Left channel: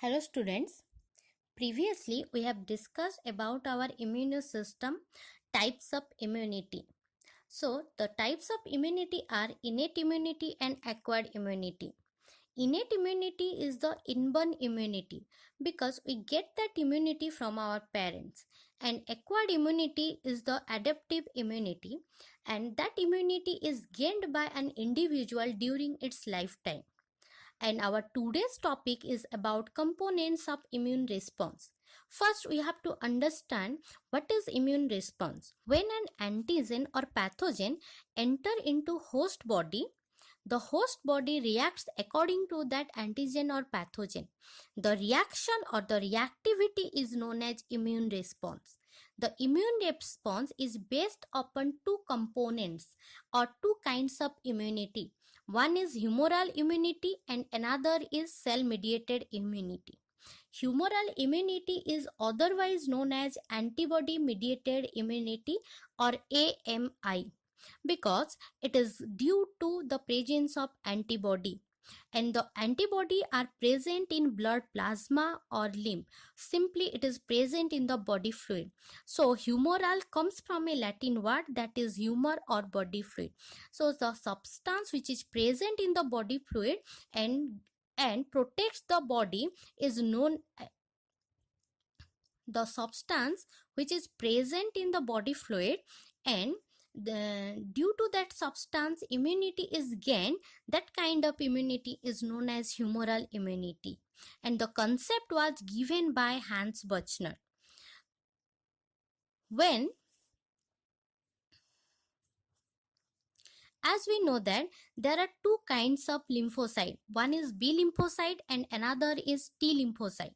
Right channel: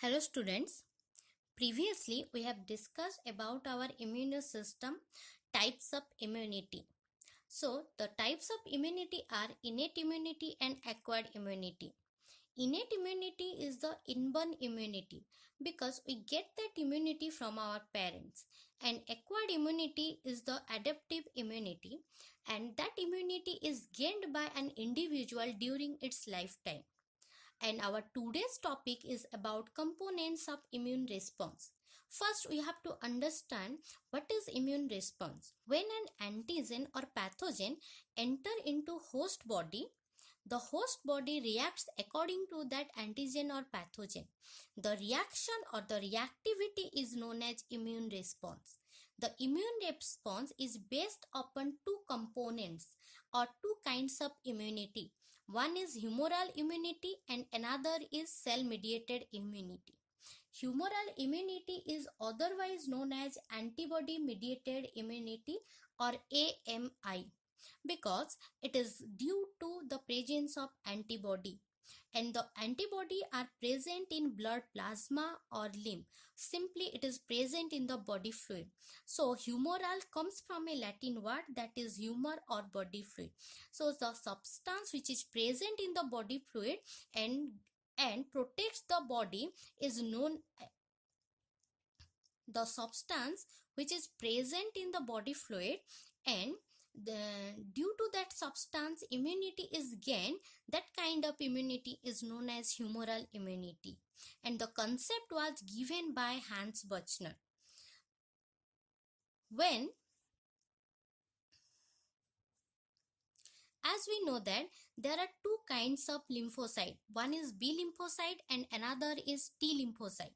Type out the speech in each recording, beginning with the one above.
Hello students. Previously we have discussed about our immune system types of immunity. So the types of immunity are innate immunity and acquired immunity. Innate immunity is the inborn immunity because we get that immunity from our parents, and acquired immunity is the adaptive immunity, and that immunity is gained by an individual during its lifetime. And our today's topic is about components of immune response. First, we have to understand what is immune response. When an antigen or pathogen enter into host body, the host body reacts according to that antigen or pathogen. The reaction or the reactivity is known as immune response. The immune response is based upon two components or two kinds of immunity. One is humoral immunity and another is cell mediated immunity. Humoral immunity is otherwise known as antibody mediated immunity or AMI because it is due to the presence of antibody, and the antibody are present in blood plasma or lymph. Simply it is present in the body fluid. So humoral comes from a Latin word that is humor or body fluid. So the substance which is present in the body fluid and protects the body is known. The substance which is present in the body fluid, and due to that substance immunity is gained. That kind of immunity is known as humoral immunity, and the concept was given by Hans Buchner. When, as we know that there are two kinds of lymphocyte, one is B lymphocyte and another is T lymphocyte.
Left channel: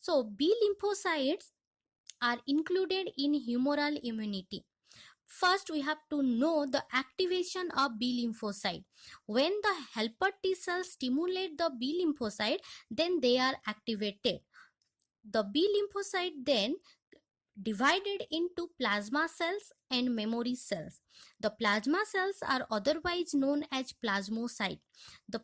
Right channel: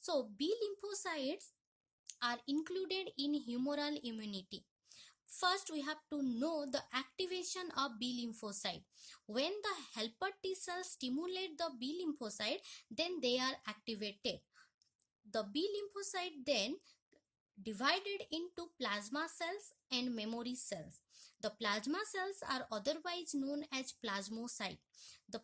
So B lymphocytes are included in humoral immunity. First, we have to know the activation of B lymphocyte. When the helper T cells stimulate the B lymphocyte, then they are activated. The B lymphocyte then divided into plasma cells and memory cells. The plasma cells are otherwise known as plasmocyte. The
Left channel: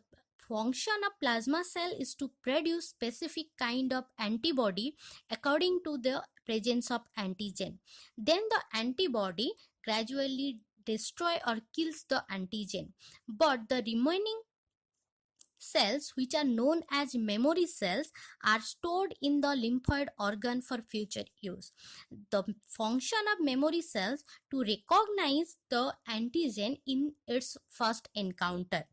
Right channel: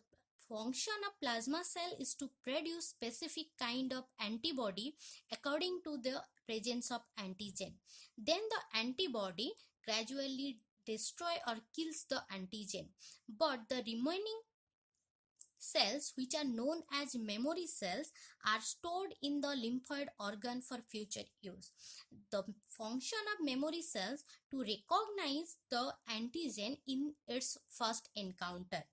function of plasma cell is to produce specific kind of antibody according to the presence of antigen. Then the antibody gradually destroy or kills the antigen, but the remaining cells, which are known as memory cells, are stored in the lymphoid organ for future use. The function of memory cells to recognize the antigen in its first encounter.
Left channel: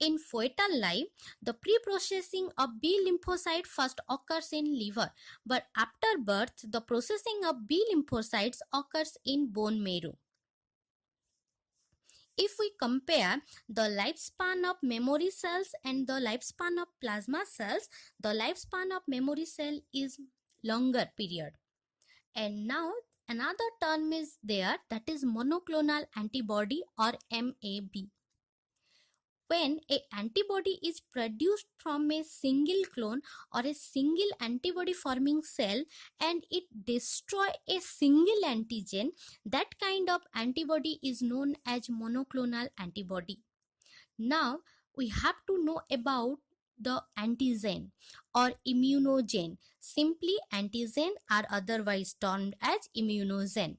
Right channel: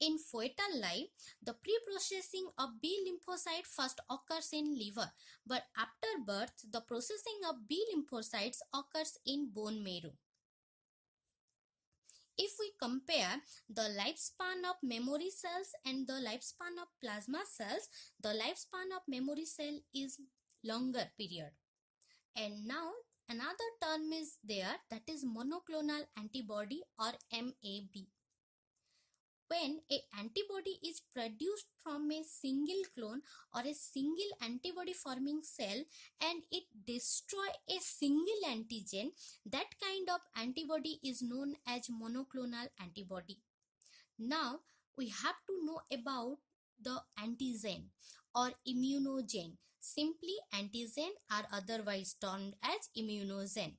In fetal life, the pre-processing of B lymphocyte first occurs in liver, but after birth, the processing of B lymphocytes occurs in bone marrow. If we compare the lifespan of memory cells and the lifespan of plasma cells, the lifespan of memory cell is longer period. And now another term is there, that is monoclonal antibody or MAB. When an antibody is produced from a single clone or a single antibody forming cell and it destroy a single antigen, that kind of antibody is known as monoclonal antibody. Now we have to know about the antigen or immunogen. Simply antigen are otherwise termed as immunogen,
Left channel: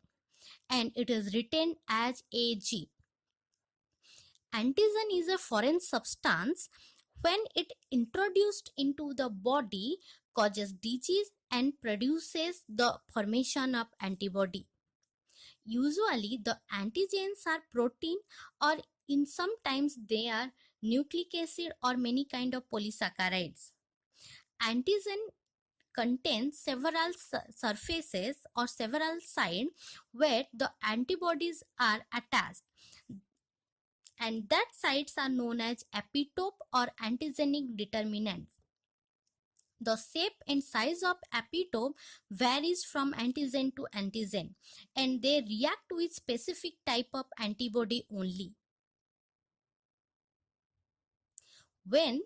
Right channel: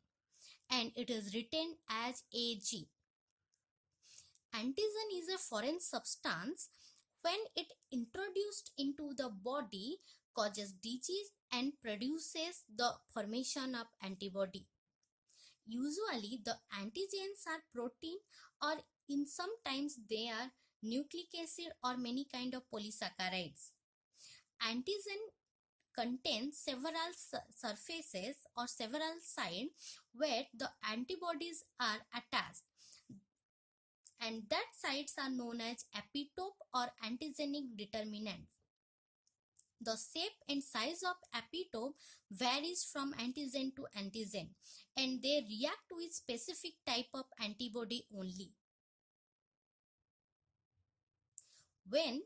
and it is written as AG. Antigen is a foreign substance. When it introduced into the body, causes disease and produces the formation of antibody. Usually the antigens are protein, or in sometimes they are nucleic acid or many kind of polysaccharides. Antigen contains several surfaces or several sites where the antibodies are attached, and that sites are known as epitope or antigenic determinants. The shape and size of epitope varies from antigen to antigen, and they react with specific type of antibody only. When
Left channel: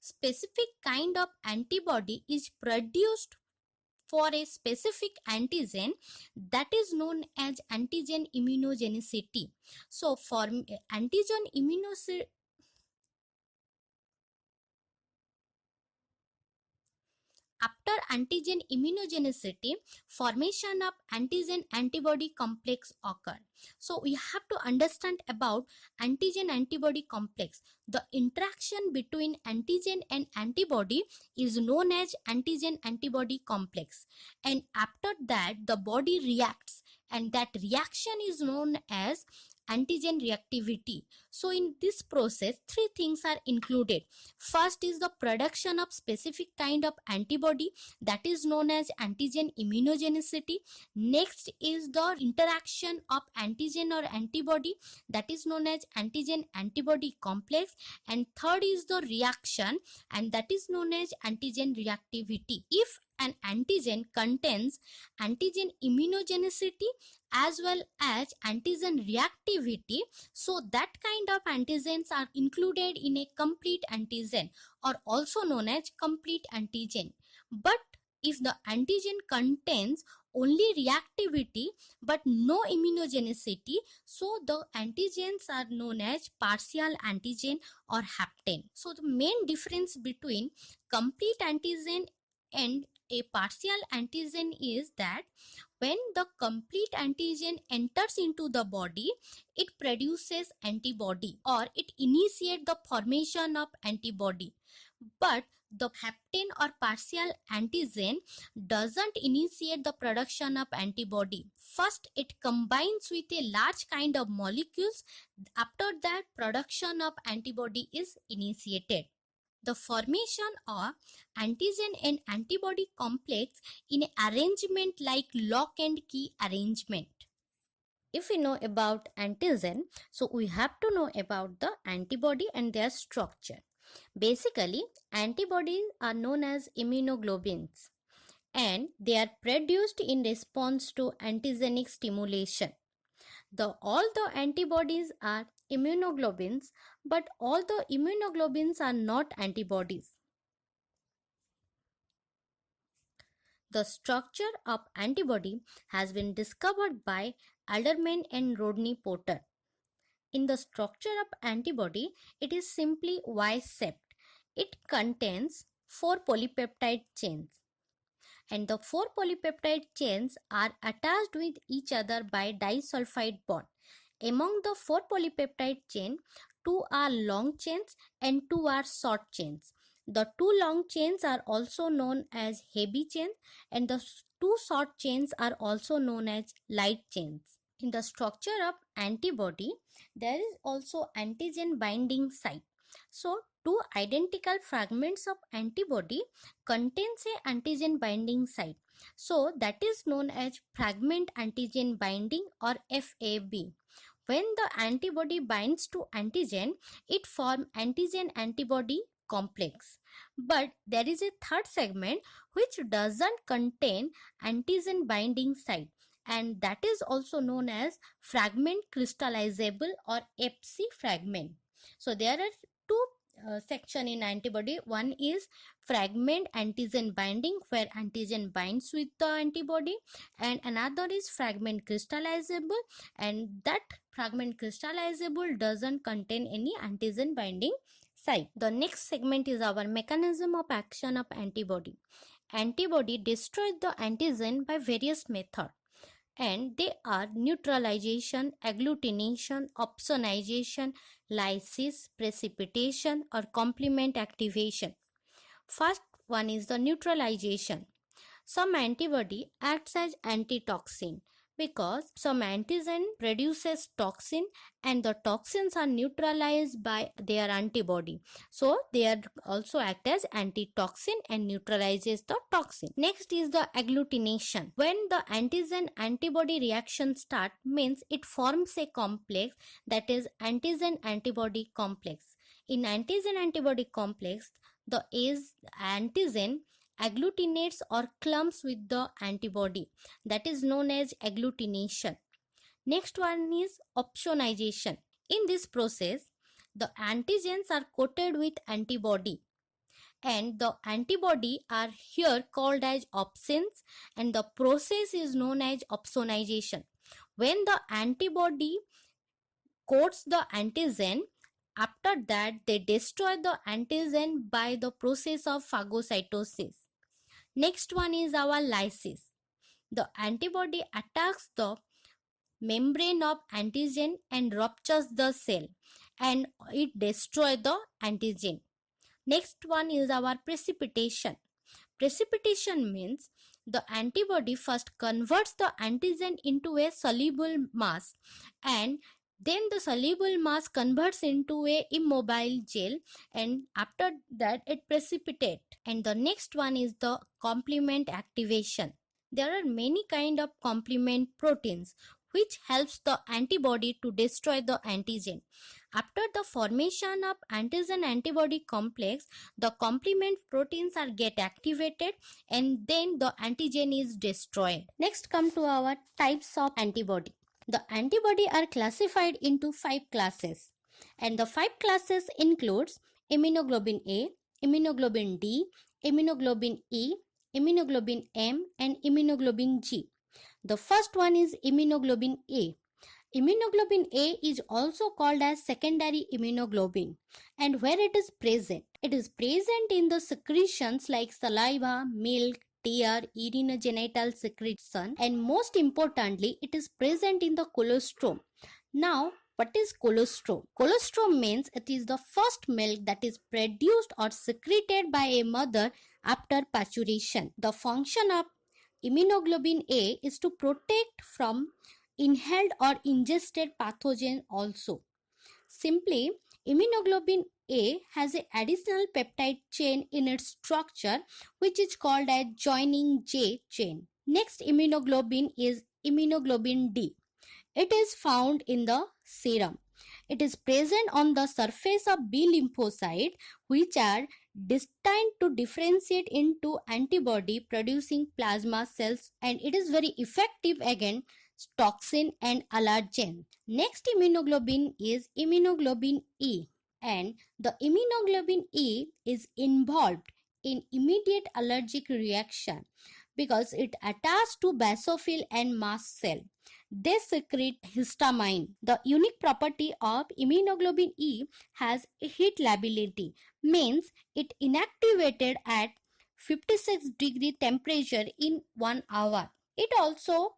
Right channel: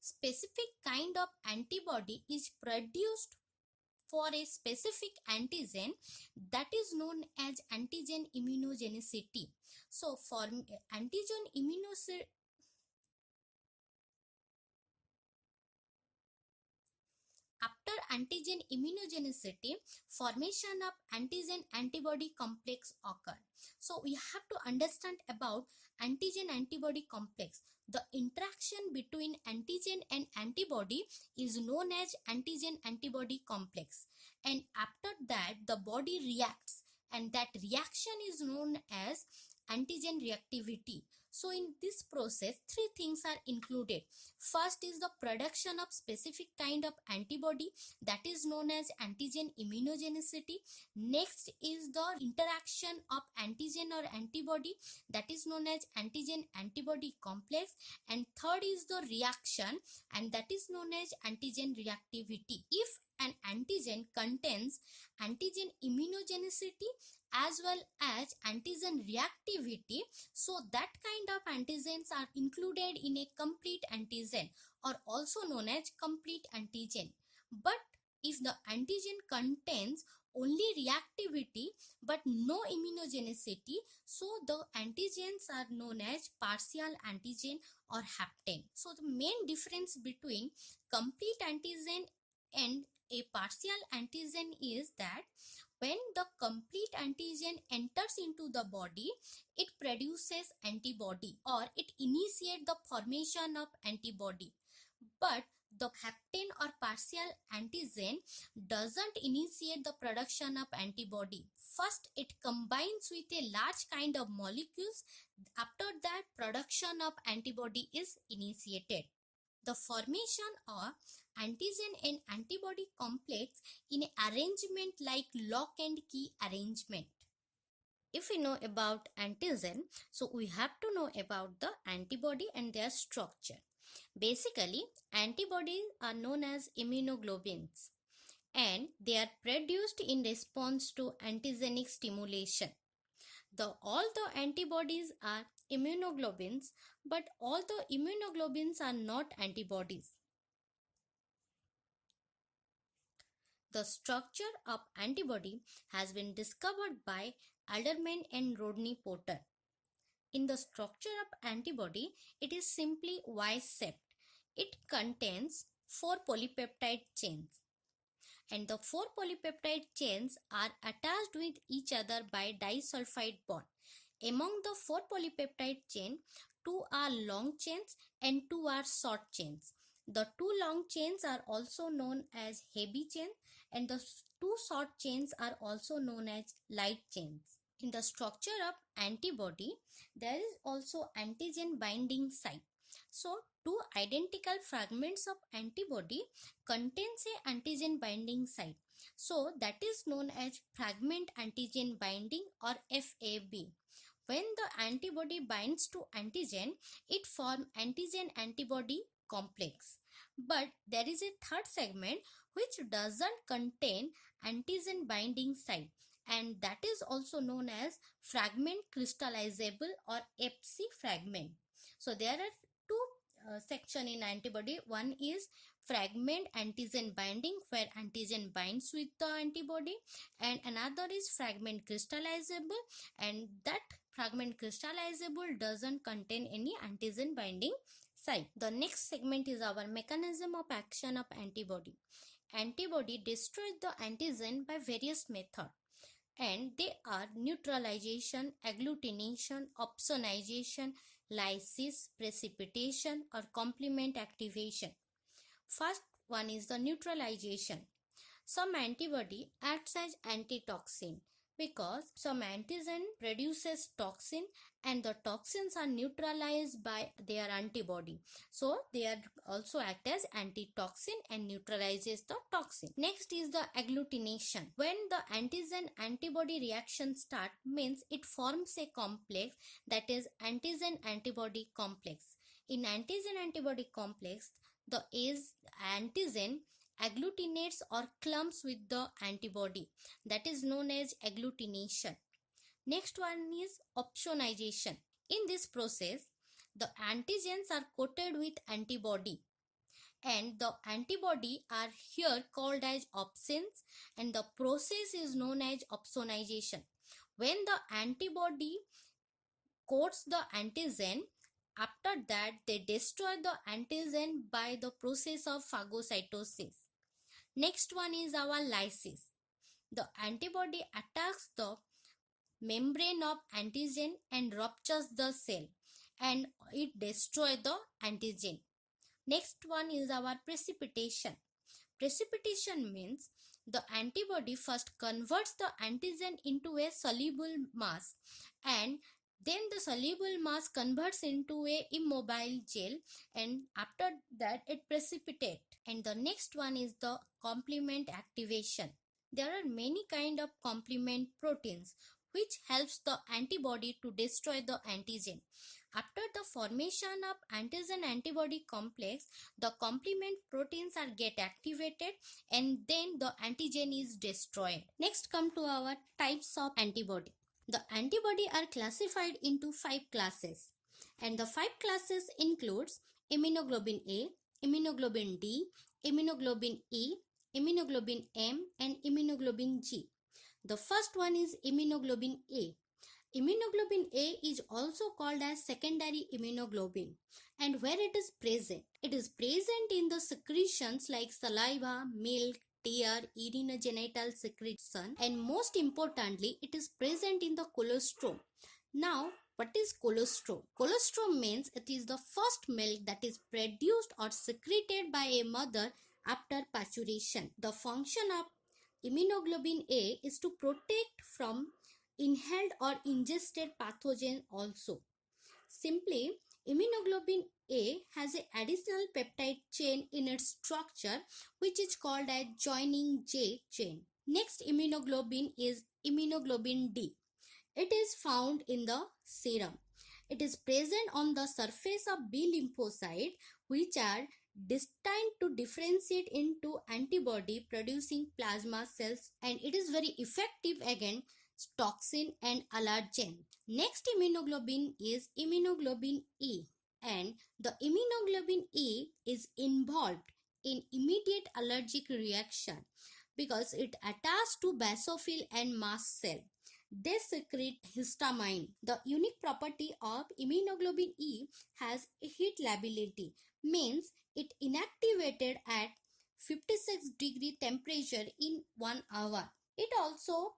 specific kind of antibody is produced for a specific antigen, that is known as antigen immunogenicity. So for antigen immunogenicity, after antigen immunogenicity, formation of antigen antibody complex occur. So we have to understand about antigen antibody complex. The interaction between antigen and antibody is known as antigen antibody complex, and after that the body reacts, and that reaction is known as antigen reactivity. So in this process three things are included. First is the production of specific kind of antibody, that is known as antigen immunogenicity. Next is the interaction of antigen or antibody, that is known as antigen antibody complex. And third is the reaction, and that is known as antigen reactivity. If an antigen contains antigen immunogenicity as well as antigen reactivity, so that kind of antigens are included in a complete antigen, or also known as complete antigen. But if the antigen contains only reactivity but no immunogenicity, so the antigens are known as partial antigen or hapten. So the main difference between complete antigen and a partial antigen is that when the complete antigen enters into the body, it produces antibody, or it initiates the formation of antibody. But the hapten or partial antigen doesn't initiate the production of antibody. First, it combines with a large kind of molecules. After that, production of antibody is initiated. The formation of antigen and antibody complex in arrangement like lock and key arrangement. If we know about antigen, so we have to know about the antibody and their structure. Basically, antibodies are known as immunoglobulins, and they are produced in response to antigenic stimulation. All the antibodies are immunoglobulins, but all the immunoglobulins are not antibodies. The structure of antibody has been discovered by Alderman and Rodney Porter. In the structure of antibody, it is simply Y-shaped. It contains 4 polypeptide chains, and the 4 polypeptide chains are attached with each other by disulfide bond. Among the 4 polypeptide chain, 2 are long chains and 2 are short chains. The 2 long chains are also known as heavy chains, and the 2 short chains are also known as light chains. In the structure of antibody, there is also antigen binding site. So, 2 identical fragments of antibody contains a antigen binding site. So, that is known as fragment antigen binding, or FAB. When the antibody binds to antigen, it forms antigen antibody complex. But there is a third segment which doesn't contain antigen binding site, and that is also known as fragment crystallizable, or FC fragment. So there are two section in antibody. One is fragment antigen binding, where antigen binds with the antibody, and another is fragment crystallizable, and that fragment crystallizable doesn't contain any antigen binding site. The next segment is our mechanism of action of antibody. Antibody destroys the antigen by various methods, and they are neutralization, agglutination, opsonization, lysis, precipitation, or complement activation. First one is the neutralization. Some antibody acts as antitoxin because some antigen produces toxin, and the toxins are neutralized by their antibody. So they are also act as antitoxin and neutralizes the toxin. Next is the agglutination. When the antigen antibody reaction start, means it forms a complex, that is antigen antibody complex. In antigen antibody complex, the antigen agglutinates or clumps with the antibody, that is known as agglutination. Next one is opsonization. In this process, the antigens are coated with antibody, and the antibody are here called as opsins, and the process is known as opsonization. When the antibody coats the antigen, after that they destroy the antigen by the process of phagocytosis. Next one is our lysis. The antibody attacks the membrane of antigen and ruptures the cell, and it destroys the antigen. Next one is our precipitation. Precipitation means the antibody first converts the antigen into a soluble mass, and then the soluble mass converts into a immobile gel, and after that it precipitates. And the next one is the complement activation. There are many kind of complement proteins which helps the antibody to destroy the antigen. After the formation of antigen antibody complex, the complement proteins are get activated, and then the antigen is destroyed. Next come to our types of antibody. The antibody are classified into 5 classes, and the 5 classes includes immunoglobulin A, immunoglobulin D, immunoglobulin E, immunoglobulin M, and immunoglobulin G. The first one is immunoglobulin A. Immunoglobulin A is also called as secondary immunoglobulin, and where it is present? It is present in the secretions like saliva, milk, tear, urinogenital secretion, and most importantly, it is present in the colostrum. Now, what is colostrum? Colostrum means it is the first milk that is produced or secreted by a mother after parturition. The function of immunoglobulin A is to protect from inhaled or ingested pathogen also. Simply, immunoglobulin A has an additional peptide chain in its structure which is called as joining J chain. Next immunoglobulin is immunoglobulin D. It is found in the serum. It is present on the surface of B lymphocyte, which are destined to differentiate into antibody producing plasma cells, and it is very effective against toxin and allergen. Next immunoglobulin is immunoglobulin E, and the immunoglobulin E is involved in immediate allergic reaction because it attaches to basophil and mast cell. They secrete histamine. The unique property of immunoglobulin E has heat lability, means it inactivated at 56 degree temperature in 1 hour. It also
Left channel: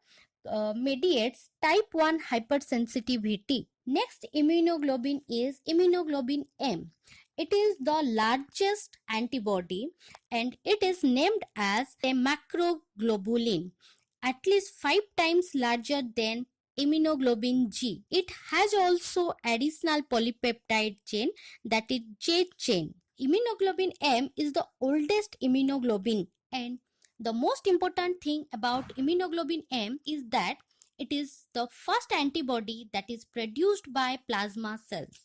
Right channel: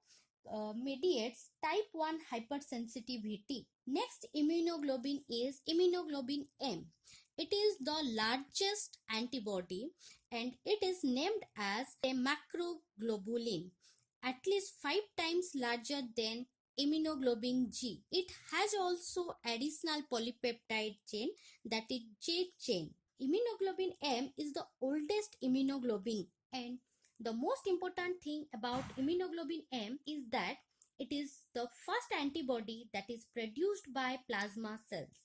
mediates type 1 hypersensitivity. Next immunoglobulin is immunoglobulin M. It is the largest antibody, and it is named as a macroglobulin, at least 5 times larger than immunoglobulin G. It has also additional polypeptide chain, that is J chain. Immunoglobulin M is the oldest immunoglobulin, and the most important thing about immunoglobulin M is that it is the first antibody that is produced by plasma cells.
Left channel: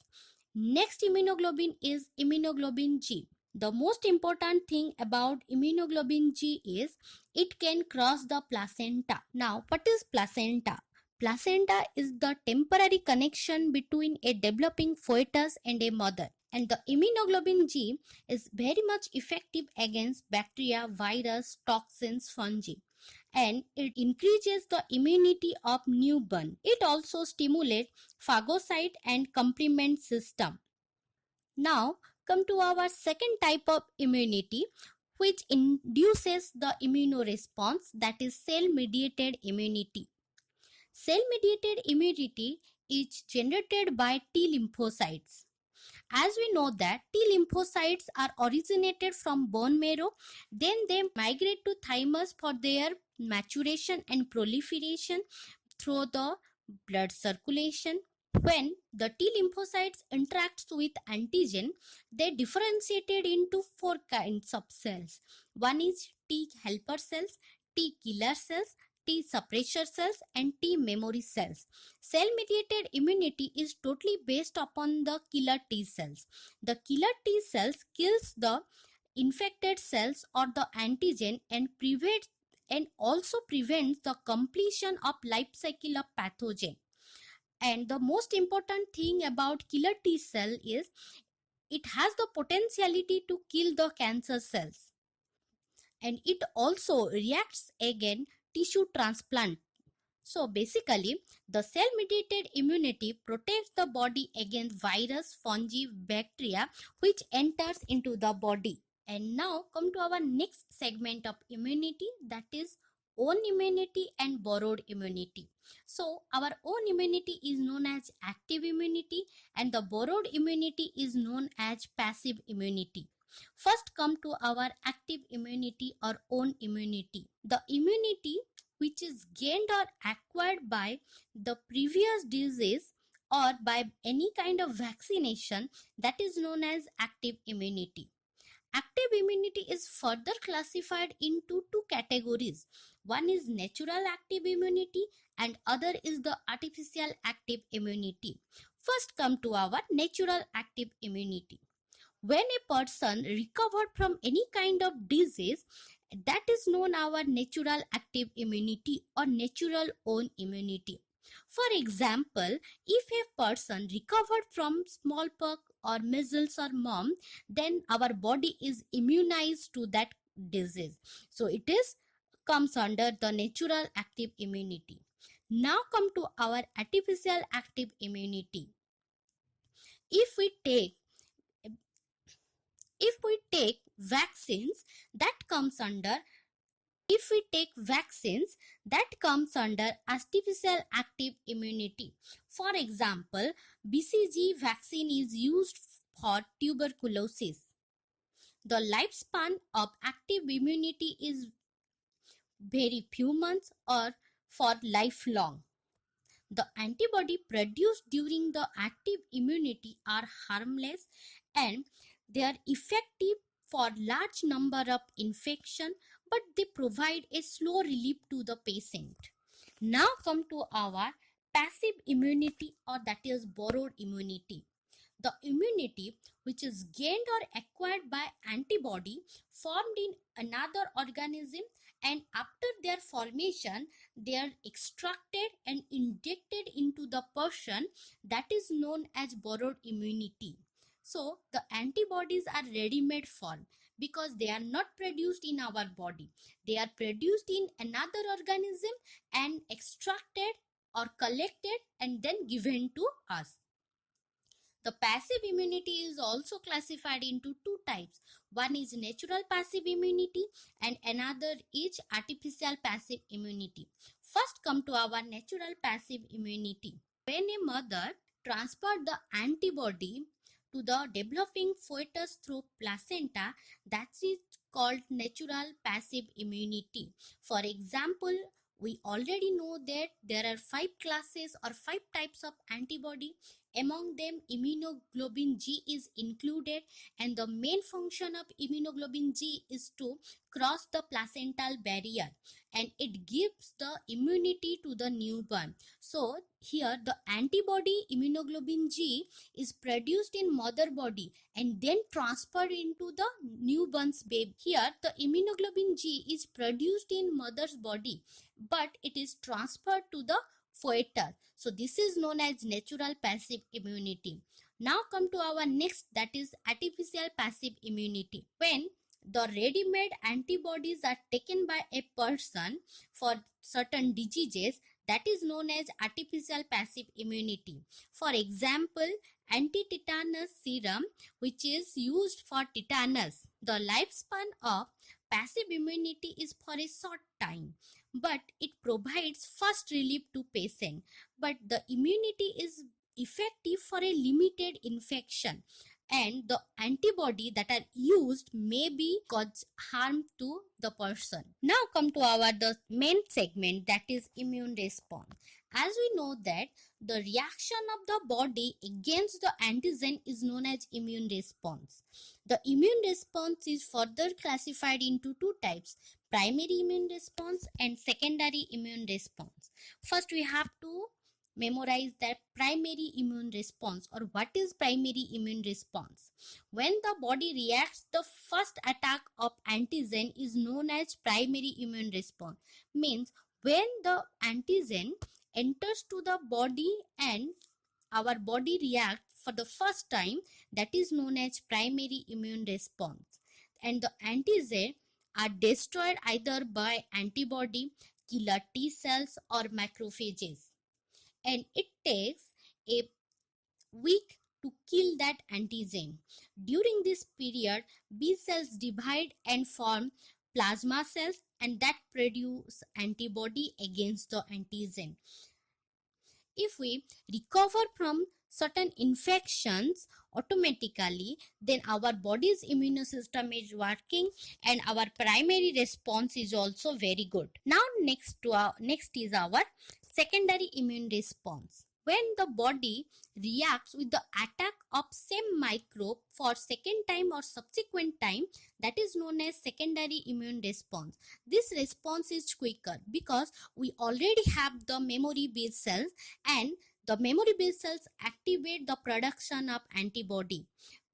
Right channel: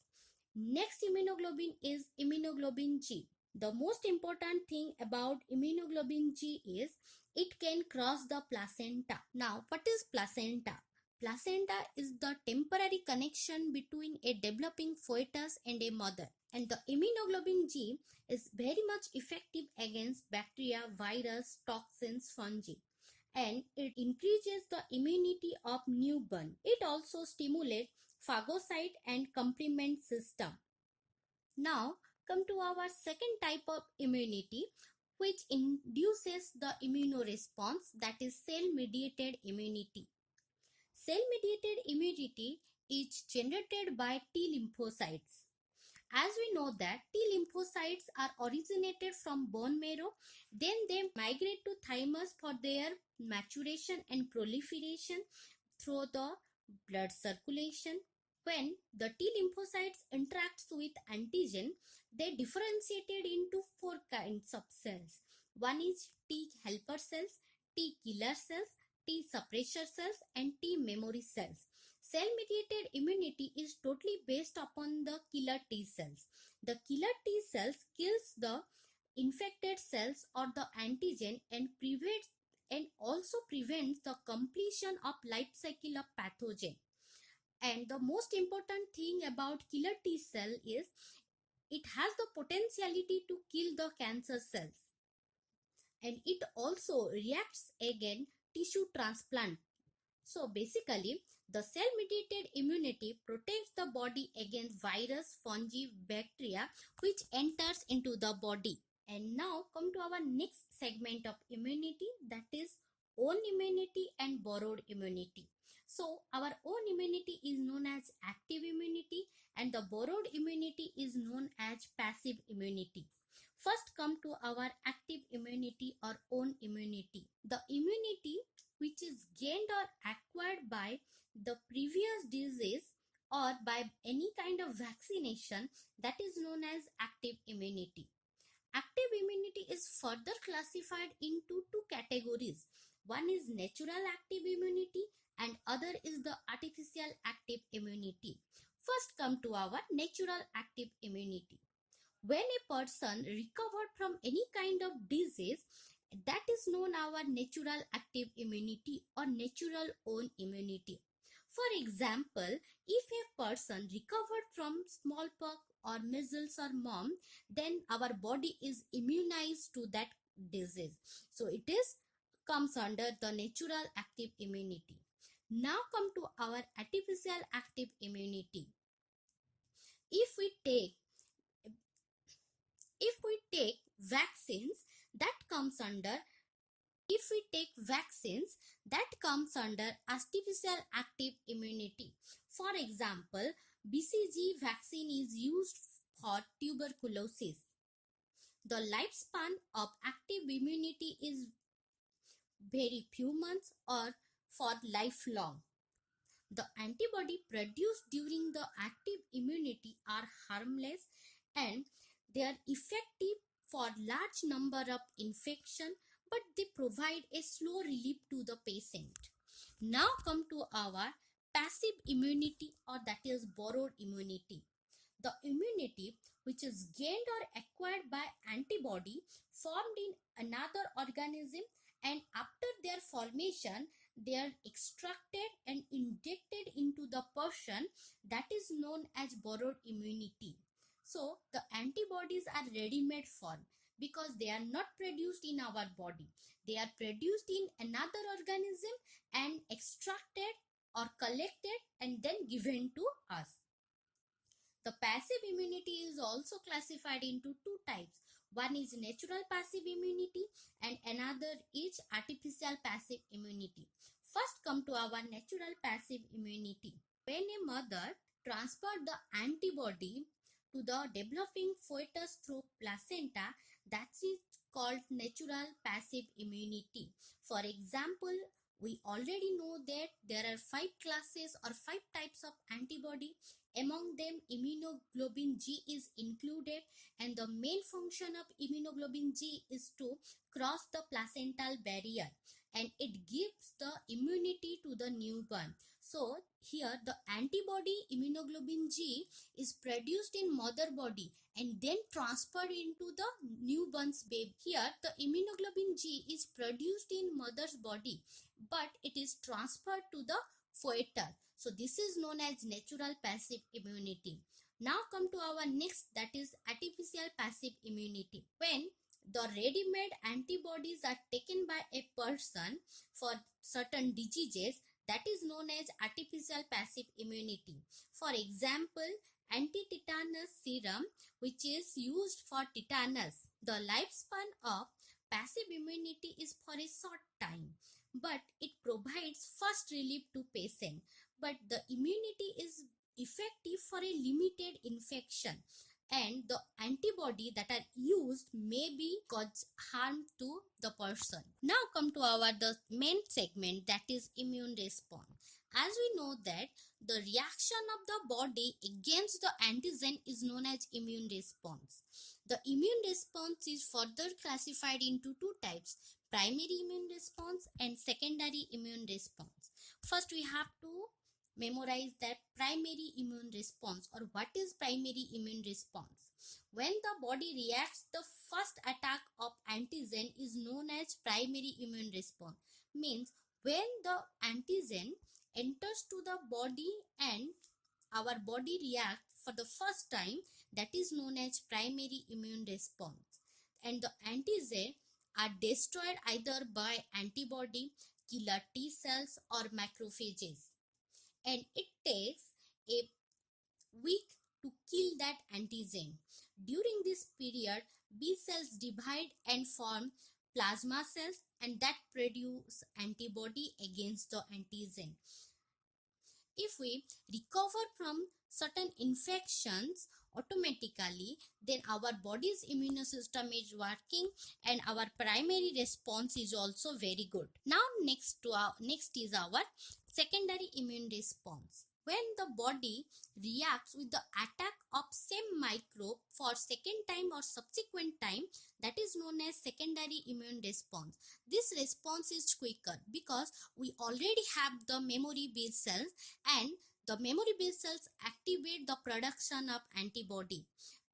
Next immunoglobulin is immunoglobulin G. The most important thing about immunoglobulin G is it can cross the placenta. Now, what is placenta? Placenta is the temporary connection between a developing fetus and a mother. And the immunoglobulin G is very much effective against bacteria, virus, toxins, fungi, and it increases the immunity of newborn. It also stimulates phagocyte and complement system. Now come to our second type of immunity, which induces the immunoresponse, that is cell mediated immunity. Cell mediated immunity is generated by T lymphocytes. As we know that T lymphocytes are originated from bone marrow, then they migrate to thymus for their maturation and proliferation through the blood circulation. When the T lymphocytes interacts with antigen, they differentiated into 4 kinds of cells. One is T helper cells, T killer cells, T suppressor cells, and T memory cells. Cell mediated immunity is totally based upon the killer T cells. The killer T cells kills the infected cells or the antigen and also prevents the completion of life cycle of pathogen. And the most important thing about killer T cell is it has the potentiality to kill the cancer cells, and it also reacts against tissue transplant. So basically, the cell-mediated immunity protects the body against virus, fungi, bacteria which enters into the body. And now come to our next segment of immunity, that is own immunity and borrowed immunity. So our own immunity is known as active immunity and the borrowed immunity is known as passive immunity. First come to our active immunity or own immunity. The immunity which is gained or acquired by the previous disease or by any kind of vaccination, that is known as active immunity. Active immunity is further classified into two categories. One is natural active immunity and other is the artificial active immunity. First come to our natural active immunity. When a person recovered from any kind of disease, that is known our natural active immunity or natural own immunity. For example, if a person recovered from smallpox or measles or mumps, then our body is immunized to that disease. So it is comes under the natural active immunity. Now come to our artificial active immunity. If we take if we take vaccines, that comes under if we take vaccines that comes under artificial active immunity. For example, BCG vaccine is used for tuberculosis. The lifespan of active immunity is very few months or for lifelong. The antibody produced during the active immunity are harmless and they are effective for large number of infection, but they provide a slow relief to the patient. Now come to our passive immunity or that is borrowed immunity. The immunity which is gained or acquired by antibody formed in another organism, and after their formation they are extracted and injected into the person, that is known as borrowed immunity. So the antibodies are ready-made form because they are not produced in our body. They are produced in another organism and extracted or collected and then given to us. The passive immunity is also classified into two types. One is natural passive immunity and another is artificial passive immunity. First come to our natural passive immunity. When a mother transferred the antibody to the developing fetus through placenta, that is called natural passive immunity. For example, we already know that there are 5 classes or 5 types of antibody. Among them, immunoglobulin G is included, and the main function of immunoglobulin G is to cross the placental barrier and it gives the immunity to the newborn. So here the antibody immunoglobulin G is produced in mother body and then transferred into the newborn's baby. Here the immunoglobulin G is produced in mother's body but it is transferred to the fetus. So this is known as natural passive immunity. Now come to our next, that is artificial passive immunity. When the ready-made antibodies are taken by a person for certain diseases, that is known as artificial passive immunity. For example, anti-tetanus serum which is used for tetanus. The lifespan of passive immunity is for a short time, but it provides first relief to patient, but the immunity is effective for a limited infection and the antibody that are used may be cause harm to the person. Now come to our the main segment, that is immune response. As we know that the reaction of the body against the antigen is known as immune response. The immune response is further classified into two types: primary immune response and secondary immune response. First we have to memorize that primary immune response, or what is primary immune response. When the body reacts, the first attack of antigen is known as primary immune response. Means when the antigen enters to the body and our body reacts for the first time, that is known as primary immune response. And the antigens are destroyed either by antibody, killer T cells, or macrophages. And it takes a weak to kill that antigen. During this period, B cells divide and form plasma cells and that produce antibody against the antigen. If we recover from certain infections automatically, then our body's immune system is working and our primary response is also very good. Now next is our secondary immune response. When the body reacts with the attack of same microbe for second time or subsequent time, that is known as secondary immune response. This response is quicker because we already have the memory B cells, and the memory B cells activate the production of antibody.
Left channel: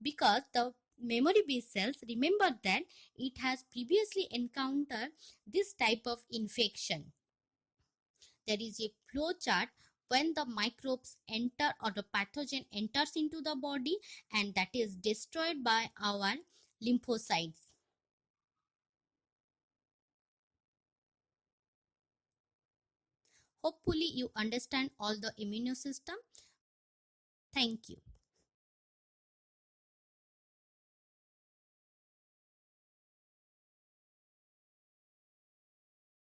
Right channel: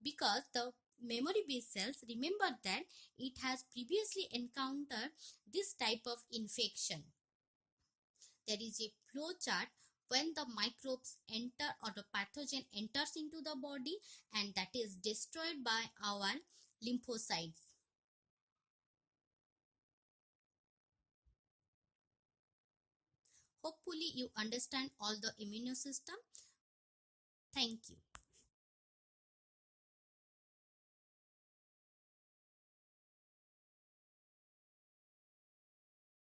Because the memory B cells remember that it has previously encountered this type of infection. There is a flow chart when the microbes enter or the pathogen enters into the body, and that is destroyed by our lymphocytes. Hopefully you understand all the immune system. Thank you.